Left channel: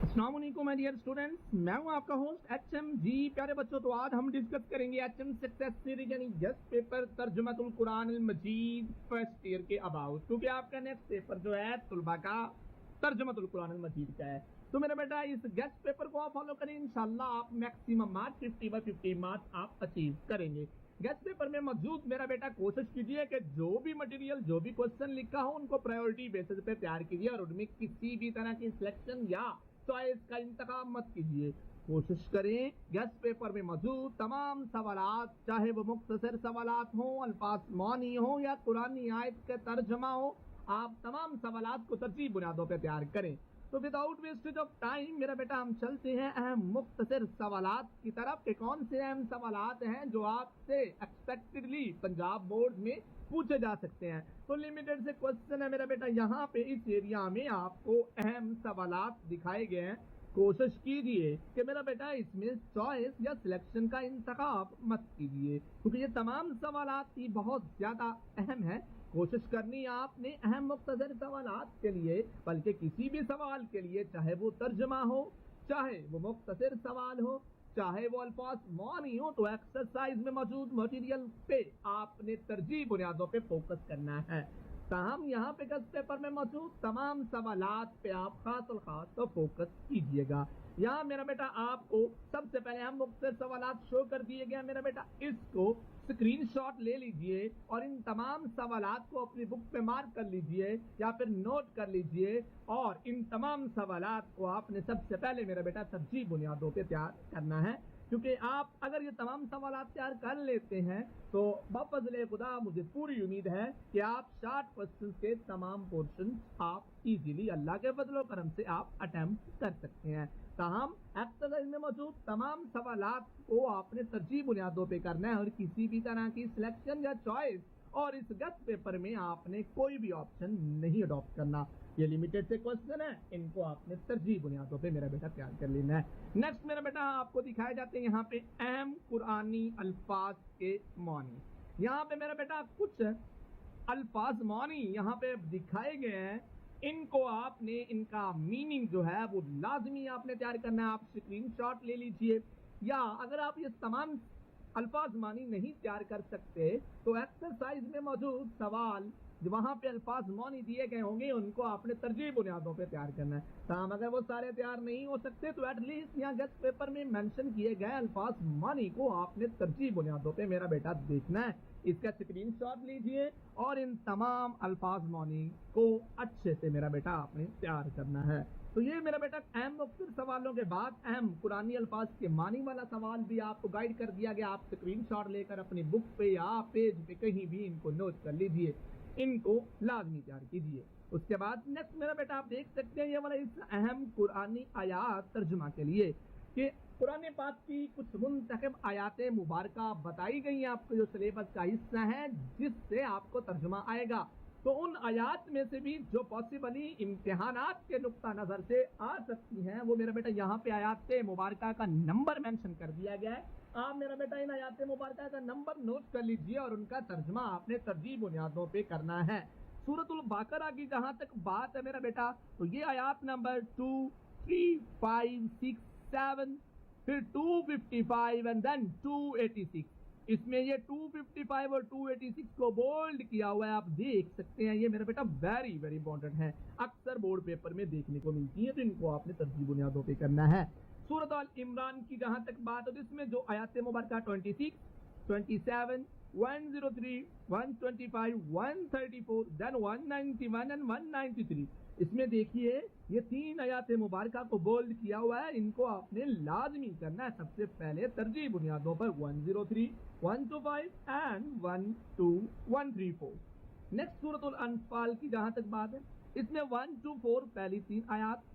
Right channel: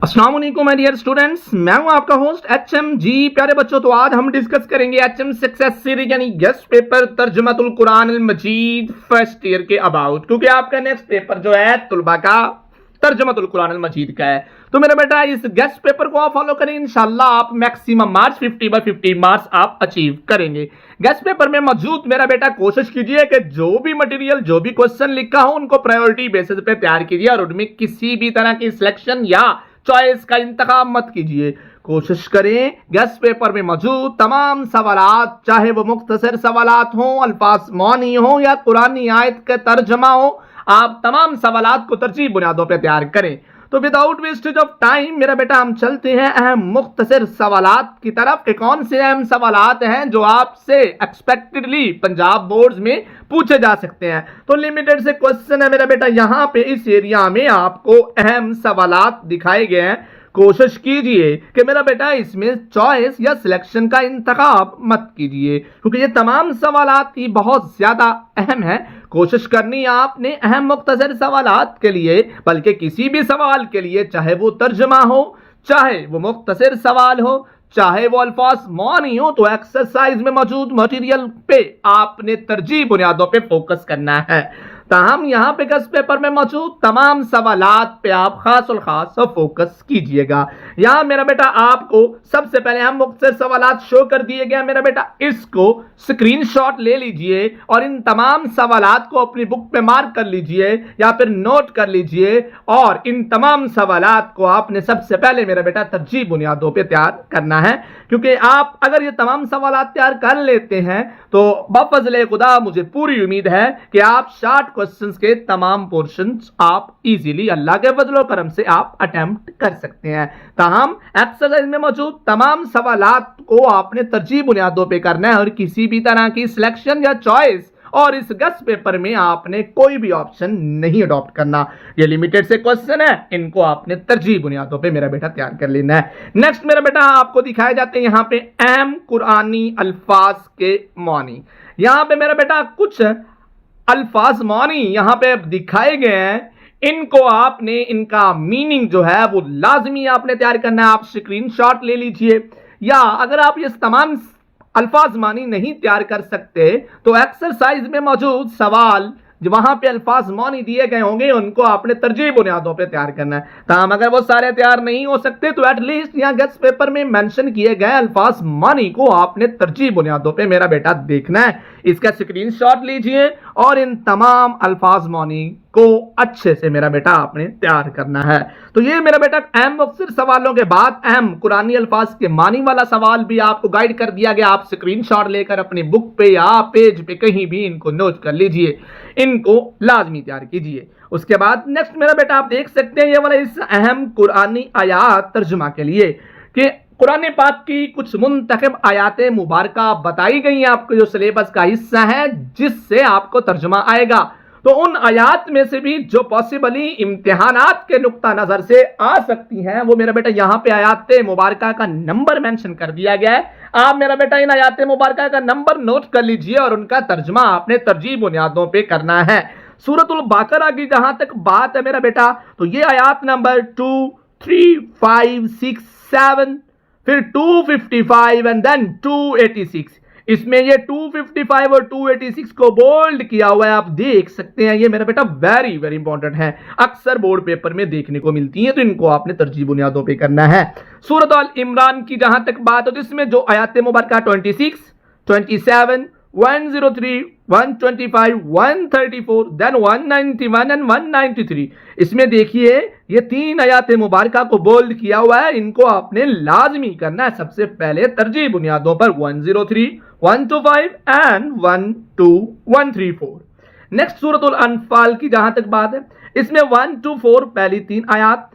अस्सलाम वालेकुम my dear students, मैं हूं आपका होस्ट एचएम जी। प्यारे बच्चों, तो आज हम डिस्कस करेंगे एचएम सक्सेस सीरीज यानी गेस्ट पेपर तर्जुमतुल कुरान अल मजीद फर्स्ट ईयर के अबाउट, क्योंकि आपका नेक्स्ट पेपर जो है तुलबा का तर्जुमतुल कुरान अल मजीद का है। तो मेरा बेटा इस गेस्ट पेपर को आप फॉलो करें, इंशाल्लाह आप मैक्सिमम मार्क्स 50/50 मार्क्स आप अचीव करेंगे। गेस्ट पेपर में मौजूद मेरा बेटा कोशिश कीजिए कि जो भी मटेरियल जो भी क्वेश्चन लिखा हो उनको प्रायोरिटी बेसिस पे तैयार कीजिए और उनमें किसी भी तरह की सिलेक्शन या चॉइस का इंतखाब मत कीजिए। कोशिश करें गेस्ट पेपर में मौजूद तमाम सवालात, चाहे वो मुख्तसर सवालात हो, अल्फाज मौनी हो या कुरानी आयत का तर्जमा हो, आप तमाम सवालात को तरजीह बुनियादों पर तैयार करें। तो विदाउट वेस्टेज ऑफ टाइम मेरा बेटा हम चलते हैं अहम मुख्तसर सवालात की तरफ कि कौन से अहम सवालात हैं जो आपसे एक्सपेक्टेडली पंजाब बोर्ड्स में पूछे जा सकते हैं। तो लिमिटेड से क्वेश्चन है मेरा बेटा, यहाँ पे इस एरिया में आपको अहम सवालात दिखाए गए हैं। कोशिश कीजिए कि मेरा बेटा इसमें चॉइस या सिलेक्शन का इंतखाब मत कीजिए, क्योंकि ये तमाम सवालात ही बहुत ज्यादा अहम है। कोशिश करनी आपने अहम मुख्तसर सवालात के लिए, बल्कि किसी भी सवाल के लिए, चाहे वो तर्जमा हो, चाहे वो मुख्तसर सवाल हो, चाहे वो अल्फाज मौनी हो, तो एक्सरसाइज में मौजूद मटेरियल पे आपने तरजीह बुनियादों पे फोकस करना है। ताहम यहाँ पे गेस्ट पेपर में मौजूद तमाम सवालात पे आप खास और खास फोकस कीजिएगा। यहाँ मेरा बेटा आपको सबसे पहले हम मुख्तसर सवालात शो कर दिए गए। मेरा बेटा इसको स्क्रीनशॉट ले लीजिए और इन तमाम सवालात को अपनी बुक पे मार्क कर लीजिए या फिर नोट कर लीजिए, और इन तमाम सवालात को आपने सबसे पहले मेरा बेटा तरजीह बुनियादों पे तैयार करना है, क्योंकि आप अगर ये तमाम सवालात तैयार कर लेते हैं तो बफज़ल खुदा मुझे पूरी उम्मीद है कि आप शार्ट क्वेश्चंस के तमाम पोर्शंस आप इजीली अल्लाह के फजल करम से आप अटेम्प्ट कर सकते हैं। ताहम एक्सरसाइज में मौजूद तमाम सवालात को आपने तरजीह बुनियादों पे करना है और किसी भी तरह की सिलेक्शन या चॉइस और इस गेस्ट पेपर में आपने कोई भी ऑप्शन नहीं अडॉप्ट करना। ये लिमिटेड से क्वेश्चन है, इनको आपने तरजीह बुनियादों पे मेरा बेटा तैयार कर लेना है। नेक्स्ट मेरा बेटा आपको दिखाए जाते हैं यहाँ पे अहम कुरानी अल्फाज के मानी। यहाँ पे मेरा बेटा कुछ अल्फाज मानी यहाँ पे दिखाए गए हैं, इनको आपने इनका मीनिंग जो है वो लाजमी आपने तैयार करना है। आप स्क्रीनशॉट ले लीजिए, या अगर आप ये तमाम अल्फाज मानी नहीं तैयार कर सकते तो एक्सरसाइज में मौजूद सवाल जो वहां पे अल्फाज मानी दिए गए होंगे उनको आपने तरजीह बुनियादों पे तैयार करना है। ताहम अगर वो सारे तैयार नहीं हो सकते तो एटलीस्ट यहाँ गेस्ट पेपर में मेंशन किए गए अल्फाज मानी को आपने तरजीह बुनियादों पे मेरा बेटा देखना है। इसका स्क्रीनशॉट लीजिए और इन तमाम अल्फाज मानी को अच्छे से मेरा बेटा आपने तैयार करना है। तो ये मेरा बेटा अहम मुख्तसर सवालों के बाद अहम कुरानी अल्फाज के मानी वाला सवाल भी आपको गाइड कर दिया गया। आप स्क्रीनशॉट लेकर अपनी बुक पे या पेज पे कहीं भी इनको नोट कर लीजिए, इनको लाजमी तैयार कीजिए। उसके बाद नेक्स्ट मेरा बेटा आप देख सकते हैं ये वाला इस अहम कुरानी आयात तर्जुमा के लिए कि कुरान पाक की कुछ मुंतखब आयात मुबारका बताई गई हैं आपको जो सिलेबस का हिस्सा है, जिससे आपको तर्जुमा आएगा। तो उन आयात में से भी जो पॉसिबली इम्तिहानात के नुक्ता नजर से आ सकती हैं, वो मेरा बेटा यहाँ पे आयात मुबारका का नंबर मेंशन कर दिया गया है। आप मेरा बेटा इन आयात मुबारका का नंबर नोट कर लीजिए और उनका तर्जुमा आपने तरजीह बुनियादों पे करना है। सूरतुल बकरा की जहां तक बात है मेरा बेटा, तो ये आयात नंबर 2, 3, 5, 6, 7, फिर 255 एंड देन 286, इसमें ये 255 और 286 को बोल्ड किया हुआ है, आप देख सकते हैं। ये मेरा बेटा वेरी वेरी इंपॉर्टेंट है, अक्सर बोर्ड पेपर में देखने को मिलती है, तो इनको आपने तरजीह बुनियादों पे करना है। सूरत अल इमरान की जहां तक बात हो, जिसमें जो आयत मुबारका 26, 27, 103, 125, 134, देन 191 एंड 193, इसमें देखिए ये तीन आयत मुबारका को बोल्ड किया हुआ है, इनको आपने लाजमी करना है। सबसे पहले तरजीह बुनियादों पर 103, 125 एंड 12134। नेक्स्ट सूरतुल अनफाल की जहां तक बात है, इसमें 1 to 4 पहली तीन आयात,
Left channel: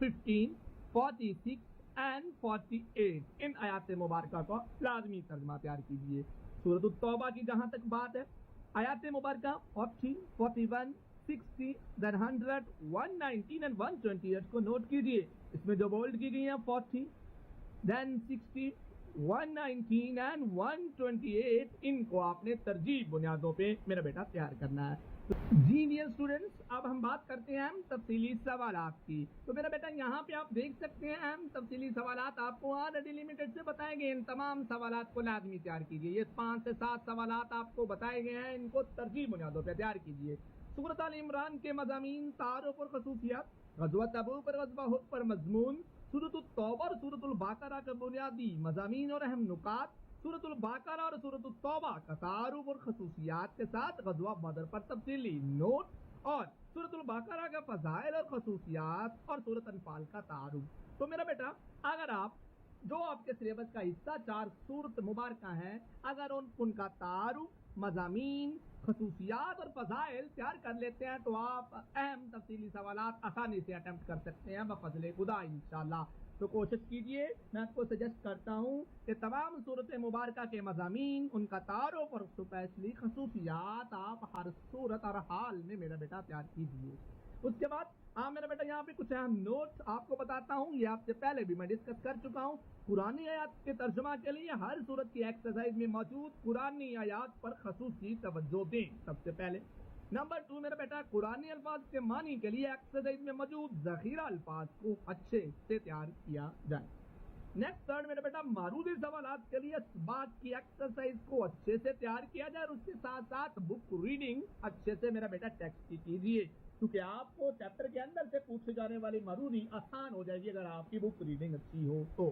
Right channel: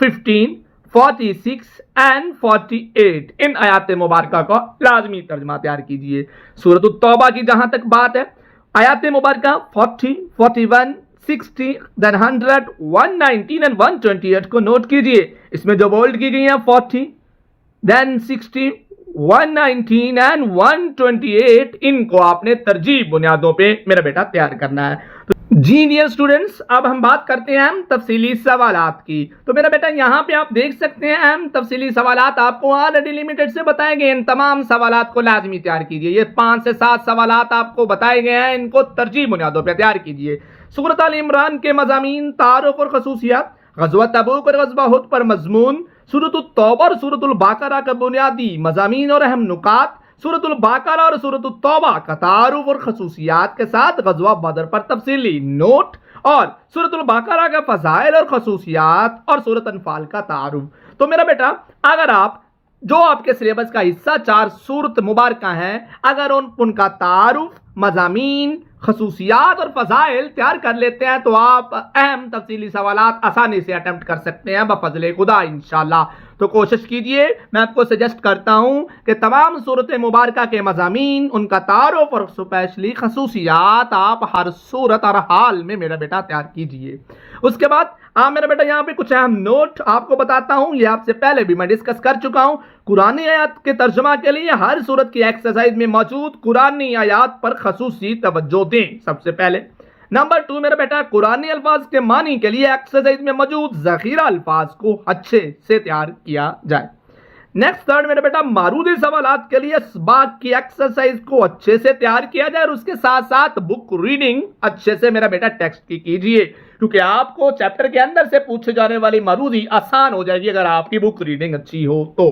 15, 46 एंड 48, इन आयात मुबारका का लाजमी तर्जमा तैयार कीजिए। सूरत तौबा की जहां तक बात है, आयात मुबारका 40, 41, 60, देन 100, 119 एंड 128 को नोट कीजिए। इसमें जो बोल्ड की गई है 40, देन 60, 119 एंड 128, इनको आपने तरजीह बुनियादों पे मेरा बेटा तैयार करना है। जी डियर स्टूडेंट्स, अब हम बात करते हैं अहम तफसीली सवालात की। तो मेरा बेटा यहाँ पे आप देख सकते हैं अहम तफसीली सवालात आपको ऑलरेडी लिमिटेड से बताए गए। इन तमाम सवालात को लाजमी तैयार कीजिए। ये 5 से 7 सवालात आपको बताए गए हैं, इनको तरजीह बुनियादों पर तैयार कीजिए। सूरत आल इमरान के मज़ामीन, तारुफ और खसूसियात, ग़ज़वा तबूक और ग़ज़वा हुद पर मज़मून, सूरत तौबा और सूरत बाक़रा का बुनियादी मज़ामीन और अहम नुकात, सूरतुल बाक़रा और सूरतुल तौबा का तारुफ और खसूसियात के साथ ग़ज़वा बदर पर तफसीली नोट, और सूरतुल बाक़रा का फ़ज़ाइल और खसूसियात, और सूरत अनफाल का तारुफ। तो मेरा बेटा, अगर आप जो आपके सिलेबस का हिस्सा 4 सूरत मुबारक हैं, अगर उनका तारुफ, मज़ामीन, खसूसियात और फ़ज़ाइल तैयार कर लेते हैं तो आप अहम तफसीली सवालात आसानी से अटेम्प्ट कर सकते हैं बफ़ज़्ल खुदा इंशाअल्लाह। तो कोशिश कीजिए, मैं आपको सजेस्ट करता हूं कि तमाम सूरत मुबारका के मज़ामीन, उनका तारुफ और स्पेशली खसूसियात आप हर सूरत और हाल में मेरा बेटा तैयार कीजिए। उसके बाद मेरा बेटा यहाँ पे कुछ अहम नोट आपको बताता हूँ। ये आपसे पहले भी मैं डिस्कस कर चुका हूँ। कुरानी आयत के तर्जुमा के लिए हर सूरत की एक्सरसाइज में मौजूद कुरानी आयत पर खसूसी तवज्जो दें। सबसे पहले नंबर 2 मेरा बेटा, कुरानी अल्फाज के मानी के लिए एक्सरसाइज में मौजूद ज़ख़ीरा अल्फाज को अच्छे से तैयार किया जाए। नेक्स्ट थर्ड मेरे बेटा, मारूदी सवालात के लिए बाग की एक्सरसाइज को अच्छे से तैयार किया जाए और उसके साथ साथ बुक रीडिंग अच्छे से मेरा बेटा टेक्स्ट की कीजिए, क्योंकि आपको चैप्टर के अंदर से पूछे जाने वाली मारूदी आसान हो जाएगी अगर आपकी बुक रीडिंग अच्छी हो तो।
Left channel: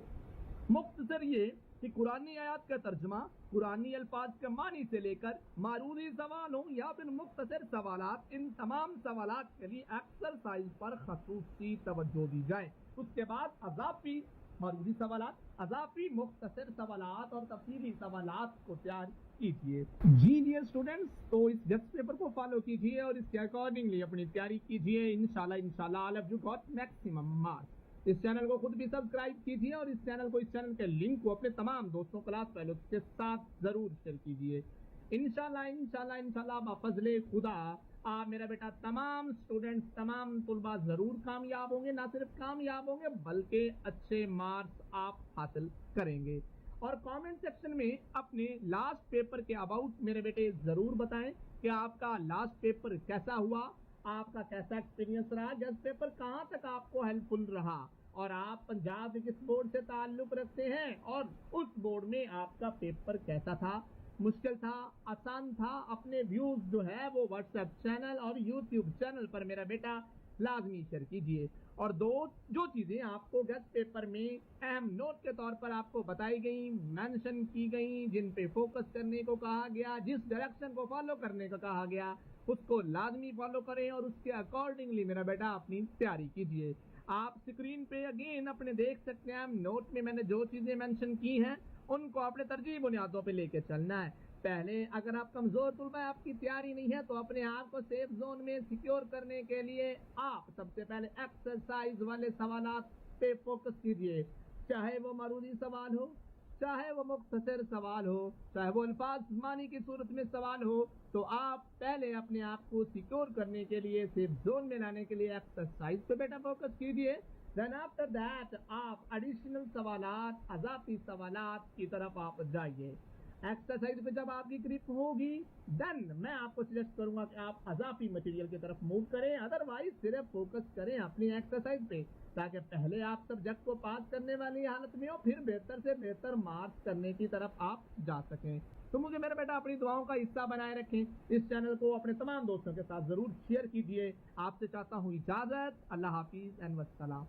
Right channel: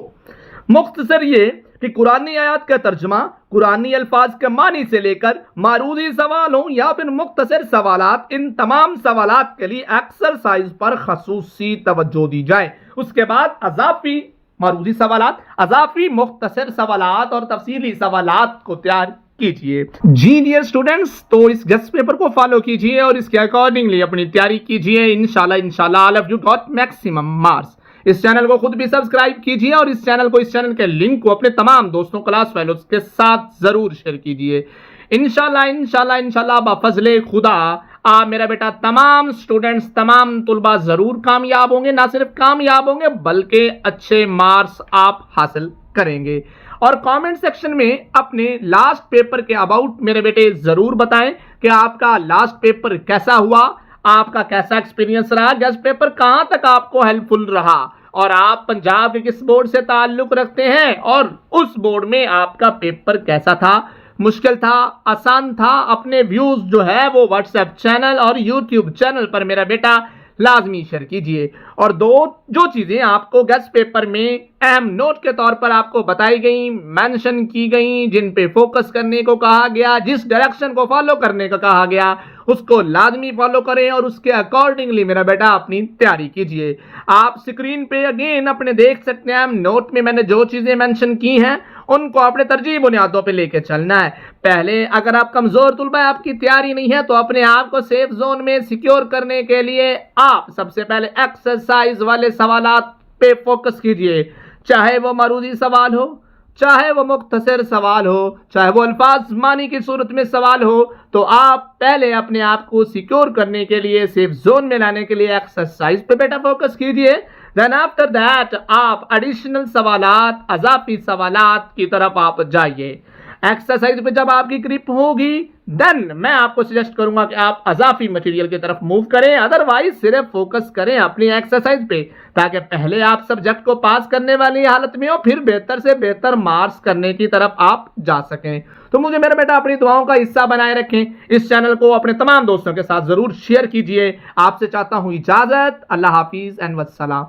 मुख्तसर ये कि कुरानी आयत का तर्जुमा, कुरानी अल्फाज के मानी से लेकर मारूदी सवाल हो या फिर मुख्तसर सवालात, इन तमाम सवालात के लिए एक्सरसाइज पर खसूसी तवज्जो दी जाए। उसके बाद अजाफी मारूदी सवालात, अजाफी मुख्तसर सवालात और तफसीली सवालात को तैयार कीजिए। जी डियर स्टूडेंट्स, तो इस गेस्ट पेपर को फॉलो कीजिए और इसके अकॉर्डिंगली अपनी तैयारी कीजिए। इंशाल्लाह all of you got maximum marks. इस चैनल को खुद भी सब्सक्राइब कीजिए और इस चैनल के लिंक को अपने तमाम दोस्तों, क्लास फेलोज के साथ जरूर शेयर कीजिए। इंशाल्लाह बफज़्ल खुदा मेरा बेटा तमाम स्टूडेंट्स, तमाम तुलबा जरूर कामयाब होंगे। ना सिर्फ कामयाब होंगे बल्कि अच्छे मार्क्स आप हासिल करेंगे। और कमेंट सेक्शन में अपने लास्ट पेपर के अबाउट मेरे बेटे जरूर बताएं कि आपका लास्ट पेपर कैसा हुआ, आपका कैसा एक्सपीरियंस रहा, गेस्ट पेपर कहां तक आपको हेल्पफुल रहा, और आप पंजाब के किस बोर्ड से ताल्लुक रखते हैं और उस बोर्ड में आपका पेपर कैसा था, मुश्किल था, आसान था। अपने व्यूज जो है वो व्हाट्सएप चैनल और यूट्यूब चैनल पर मेरा बेटा लाजमी शेयर कीजिए। और जो चीजें आपको गेस्ट पेपर में अहम नोट के तौर पर आपको बताई गई, मेंशन की गई, जिन पे फोकस करने को कहा गया, जिस डायरेक्शन को फॉलो करने को कहा गया, उसको लाजमी फॉलो करें और उसके अकॉर्डिंगली मेरा बेटा अपनी तैयारी कीजिए। आप स्क्रीन पे अगेन अपने देख सकते हैं नोट में मैंने जो चीजें मेंशन की हैं उनको अपने तरजीह बुनियादों पे लेके चलना है। पहले अगर आप कमजोर तुलबा, आपकी तैयारी नहीं है, तो अपने आप को सेफ जोन में सिक्योर करने के लिए आप सबसे पहले एक्सरसाइज वाले सवालात पे फोकस कीजिए। चाहे वो मारूदी सवाल हो, चाहे वो मुख्तसर सवाल हो, चाहे वो अल्फाज मानी की सूरत में सवाल हो, तो आप पहले अपने आप को सिक्योर करने के लिए, सेफ जोन में लाने के लिए एक्सरसाइज पे बेटा फोकस कीजिए। देन आफ्टर दैट आप एडिशनल सवालात, अजाफी सवालात की तरफ आप जाइए। एक्सरसाइज पे जब आपकी ग्रिप होगी देन मैं आपको सजेस्ट करूंगा कि आप अजाफी मटेरियल की तरफ मूव करें, अदरवाइज सिर्फ फोकस करें अपनी एक्सरसाइज पे, ताकि पहले आप सब्जेक्ट को पास करने वाली हालत में हो, फिर बेहतर से बेहतर मार्क्स करने की तरफ आप जा सकें। तो मुझे मेरा बेटा अपनी दुआओं का हिस्सा बनाए रखें। इस चैनल को अपने तमाम दोस्तों के साथ जरूर शेयर कीजिए। आपसे चाहता हूं इजाजत। अल्लाह हाफिज एंड वस्सलाम।